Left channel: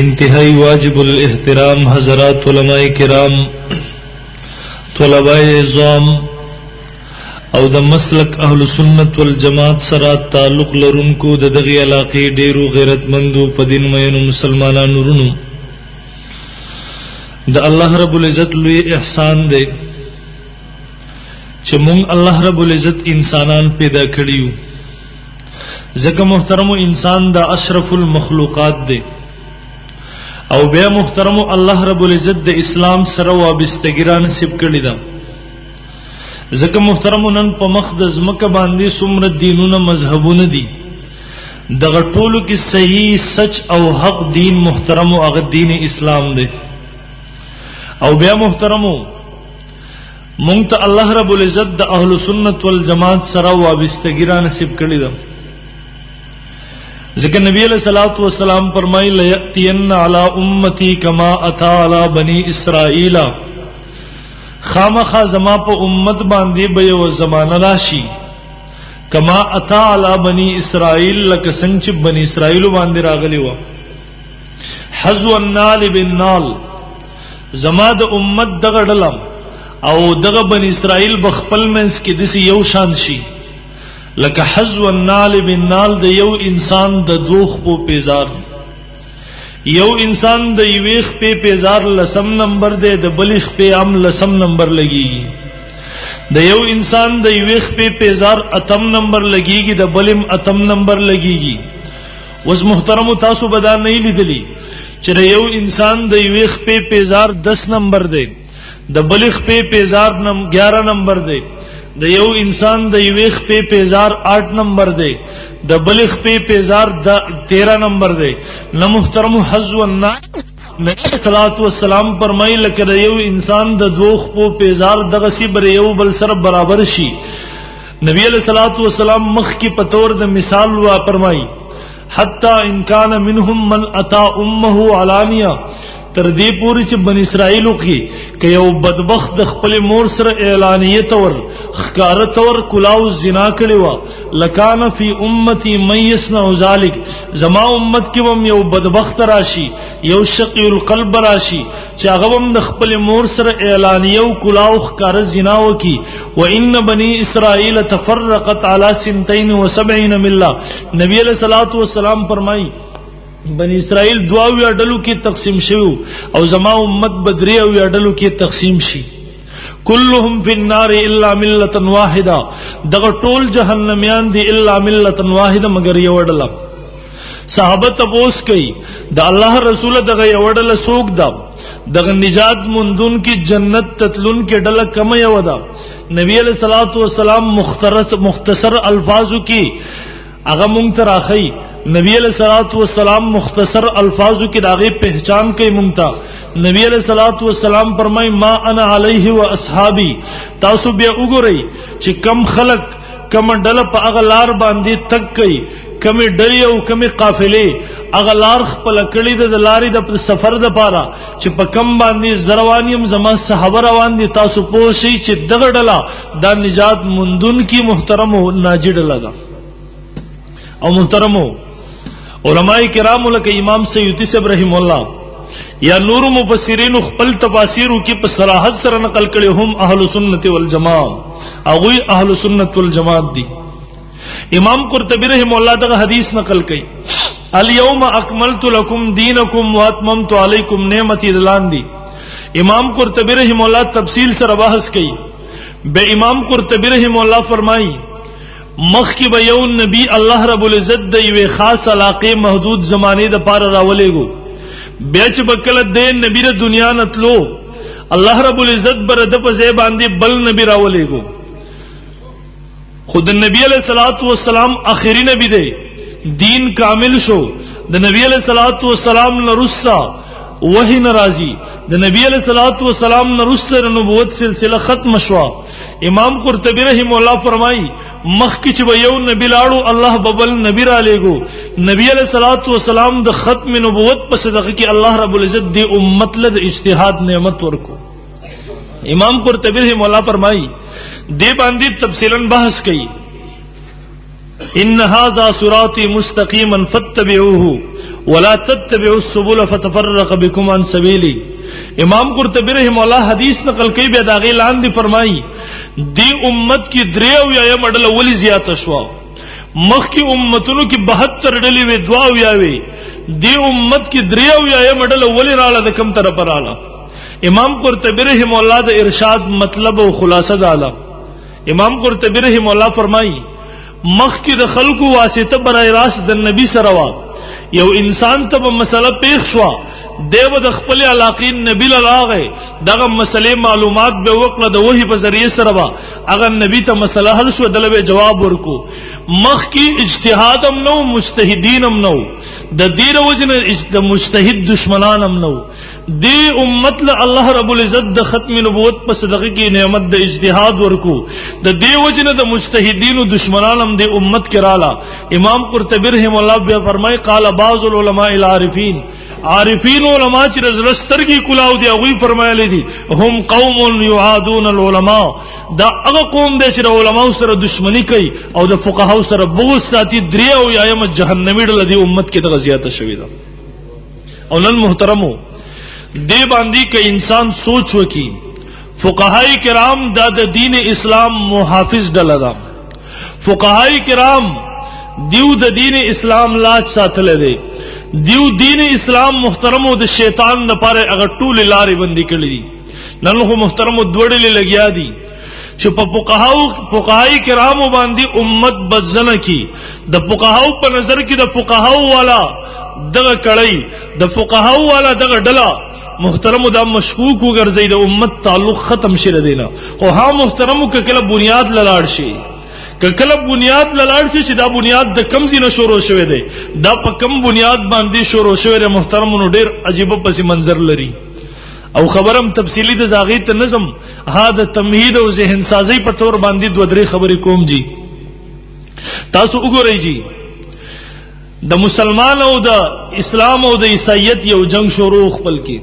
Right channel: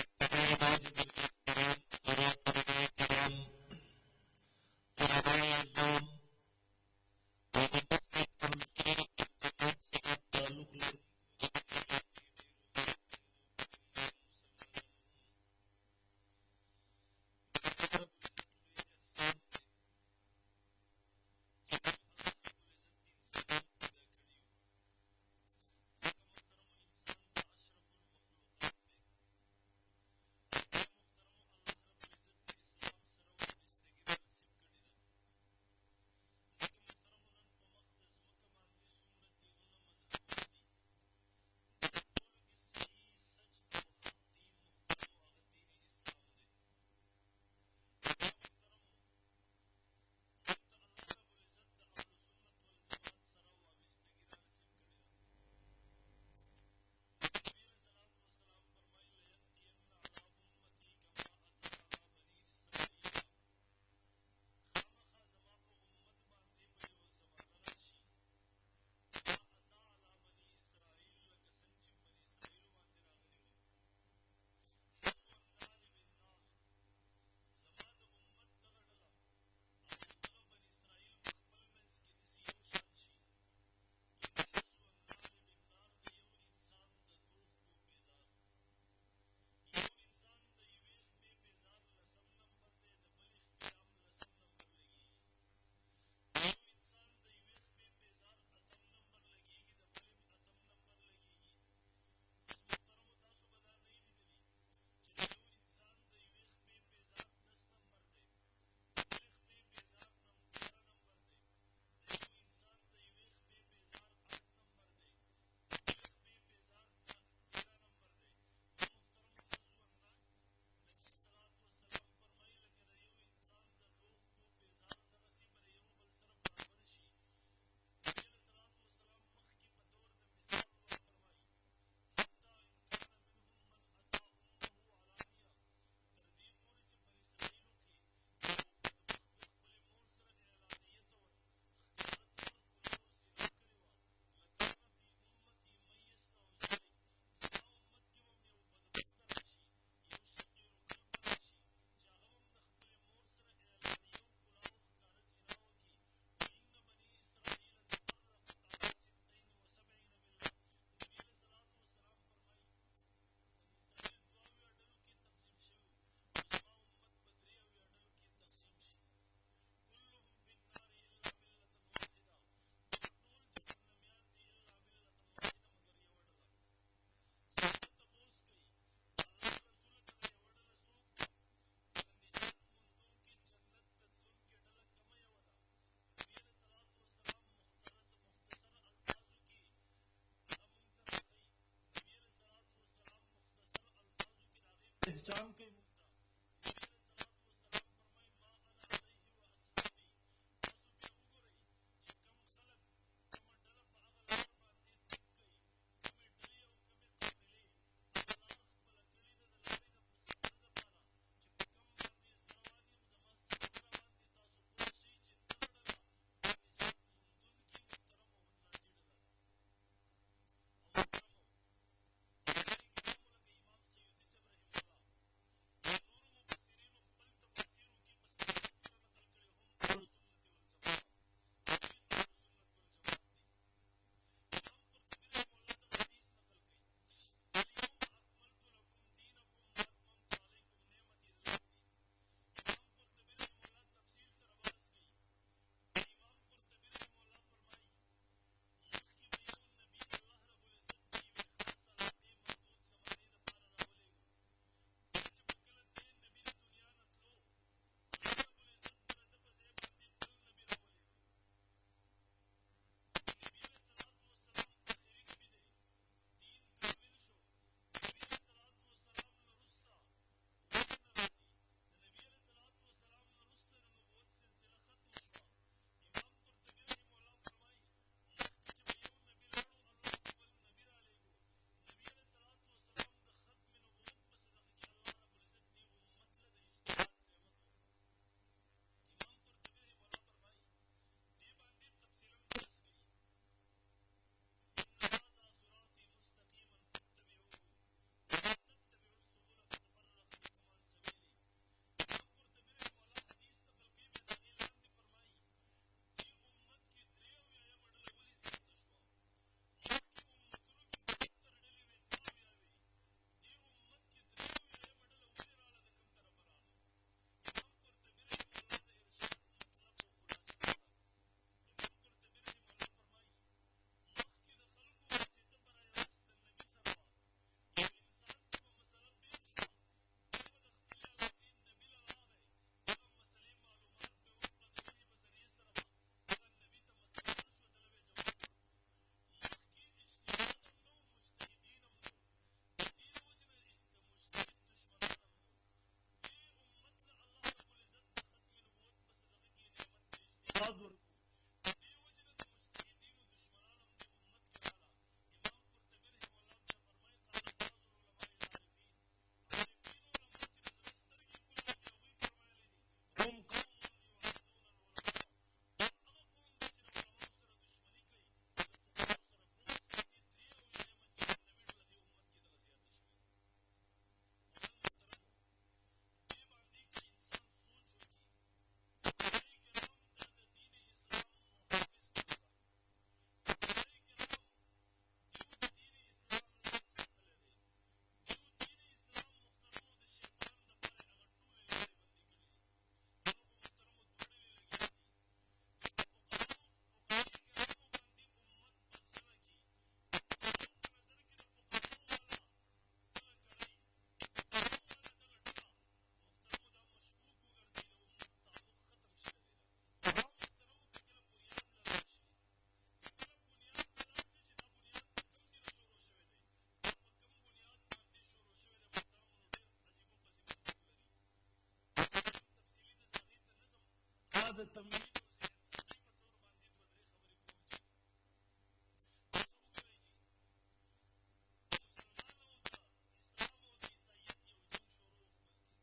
انتہائی واجب الاحترام حضرات علماء کرام، طلباء عظام او د مسلک اهل سنت والجماعت سره تعلق لرونکو د دغه علاقې ډیرو غیرتمندو په دین مینو مسلمانانو ورونو، د الله رب العزت لوی احسان دی چې مونږ الله رب العزت انسانان پیدا کړیو. ځکه محترم انسان دا اشرف المخلوقات دی او بیا محترم الله رب العزت د اسلام سره وابستګی نصیب کړی دا. ځکه محترم نن په مخ د ځمکه باندې څومره دینونه مذهبونه دي، دغه ټولو کې صحیح سچ او حق دین محترم هغه دین اسلام دی. او بیا محترمو مونږ ته الله رب العزت د اهل سنت والجماعت سره وابستګی نصیب کړی دا. ذکر نبی علیہ الصلوۃ والسلام فرمائی لیاتین علی امتی کما اتی علی بنی اسرائیل، خامخا زما په امت باندې به یو زمانہ راشي کما اتی علی بنی اسرائیل، لکه څنګه چې بنی اسرائیل باندې راغلی و. حذو النال بالنال، زما د امت دغه ډلم او دغه بنی اسرائیل بخپل منس کې دسی یو شان شي لکه حذو النال بالنال، د یو انسان د دوخ په پیزار، یو انسان د یویخ په پیزار لسم نمبر دی، د بلخ په ام لسم نمبر لګیږي، د یو انسان د یویخ په پیزار اتم نمبر لګیږي، د بلم اتم نمبر لګیږي. وس محترم تاسو بدا نه لیدلی چې د یو انسان د یویخ په پیزار 10 نمبر دی، د بلخ په پیزار 11 نمبر دی، د یو انسان د یویخ په پیزار 8 نمبر دی، د بلخ په پیزار 13 نمبر دی. نو محترم حذو النال نبی صلوات و سلام فرمایي لکه د یو انسان د دوخ په پیزار دغه سی بر یو بل سره برابر شي. نبی علیہ الصلوۃ والسلام مخ کی پتور د مثال وا فرمایي حتی ان کان منهم من اتا امه علانیہ، تر دې پوری چې بن اسرائیلو کې که یو بدبخت د خپل مور سره اعلانیه تور خکاره تور کلاو زنا کړي و، لکان فی امتی من یصنع ذلک، زما امت کې هم یو بدبخت راشي، یو شقی القلب راشي چې هغه هم د خپل مور سره اعلانیه او کلاو خکاره زنا وکي. و ان بنی اسرائیل تفرقت علی 72 ملة، نبی علیہ الصلوۃ والسلام فرمایي بنی اسرائیل دواوی اډلو کې تقسیم شوی او زما امت بدری او اډلو کې تقسیم شي. كلهم في النار الا ملة واحده، دغه ټول جهنميان دي الا ملة واحده مگر یو اډل. صحابه تپوس کوي د الله رسول دغه یو اډل سوق دا دغه نجات مندون کې جنت تتلون کې ډله کم یو ده. نبی علیہ الصلوۃ والسلام مختصر الفاظو کې هغه مونږ ته راخی. نبی علیہ الصلوۃ والسلام مختصر الفاظو کې داغه پہچان کوي مونږ ته. نبی علیہ الصلوۃ والسلام فرمای ما انا علیہ و اصحابی، تاسو بیا وګورئ چې کم خلق کم ډله په هغه لار باندې تک کوي، کم ډلې او کم قافلې هغه لار خپل کړي د لارې د سفر د پاره چې په کم باندې زروانیم زما صحابه روان دي. تاسو پوه شئ چې دغه ډله دا نجات مندون کی محترم ناجی ډله ده. او محترمو علماء کرام لکه امام سیوطی صاحب رحم الله یا نور مفسرین خپل تفاسیرو کې په صراحت سره نقل کړي هم اهل سنت والجماعت، هغه اهل سنت والجماعت دي. امام قرطبی رحم الله دغه حدیث نقل کړي الیوم اکملت لکم دینکم واتممت علیکم نعمتی دلان دی. امام قرطبی رحم الله تفصیل سره بحث کړي. به امام قرطبی رحم الله فرمایي مخ کی به یو نبی الله رب العزت د یو خاص علاقه محدود زمانه د پاره راولېګو، بیا چې بکله د نبی د دنیا نتلو الله رب العزت بر د په ځای باندې بل نبی راولېګو. خود نبی علیہ الصلوۃ والسلام آخری نبی دی، دین کامل شو. د نبی علیہ الصلوۃ والسلام نرسا وحی ناراضی، د نبی علیہ الصلوۃ والسلام نرسا نبوت سلسله ختم شوا. امام قرطبی رحم الله فرمایي مخ کی چې یو نبی لاړو الله ببل نبی را لېګو. نبی علیہ الصلوۃ والسلام د ختم نبوت په صدقه کې الله رب العزت دی امت له اجتهاد نعمت ورکو. امام قرطبی رحم الله فرمایي دی باندې تفصیلا بحث کړي ان هذا صراطی مستقیما فاتبعوه ولا تتبعوا السبل فتفرق بكم عن سبيلي. امام قرطبی رحم الله حدیث نقل کوي بیا دا غي لاندې فرمایي دی امت کی دریو یا مډل ولی زیات شوا مخ کی امتونو کی 72 ډلې وی دعا ویاوي دی امت کی دریو یا مډل ولی رااله د کم طرف رااله. امام قرطبی رحم الله د ارشاد مطلب او خلاصه داله. امام قرطبی رحم الله فرمایي مخ کی د خلقو واسطه برای راست د نبی سره وا یو انسان ته مسله پیښ شو دیو د خپل علاقین نبی لاغه دغه مسلې معلومات به وکړه د وحی په ذریعہ سره وا اگر نبی ته مسله حل شو دلته جواب ورکو. مخ کی اجتهاد هم نو مجتهدین هم نو د دیر وجنه د مجتهد دشمنان هم نو دی امت له الله رب العزت د ختم نبوت په صدقه کې نعمت د اجتهاد ورکو د دی وجنه د مجتهدین او دشمنان هم د امت کې رااله. امام قرطبی رحم الله بیا فرمای قال بعض العلماء العارفین عارفین علماء چې رزلسترګي کلاو دی هغه فرمایلی دي هم قوم يعادون العلماء دا هغه قوم دی چې علماء سره دشمنی کوي او د فقهاو سره بغض ساتي دریو یایم جهنمی ډله دی امت کې د غزیاته شوی ده. او نن محترمو دی باندې که انسان سوچ وکي فقهای کرام دا د دین اسلام محافظ ډله ده. فقهای کرام دیو د دین اسلام لاج ساتل دي دیو دین اسلام محترمو د شیطان لپاره هغه ټول لارې بندي کړې دي. نن خو محترمو دوړلې لګیا دي چې په فقهای کرامو باندې امت بدزنه کی د فقهاو په نظر کې د فقهاو والا دغه کړی د فقهاو والا دغه ډله محترمو دا مشکوک وګرځي د امت تعلق ختم شره دینا. خو ها محترمو کله بنیاد لاړ شي کله بنیاد لاړ شي چې دا بنیاد د کم زینه شروع شوه دی دا په کم بنیاد باندې شروع شوه دی محترمونو ډیر عجیب پس منظر لري. او خبرم تفصیلی د زاغی ته نظم ها د تمهید او ذهن سازی په تور باندې دو درې خبرې کوم جی. تاسو وګورئ جی د مسلمان او د اسلام او د عیسایت یو جنگ شروع خپل کی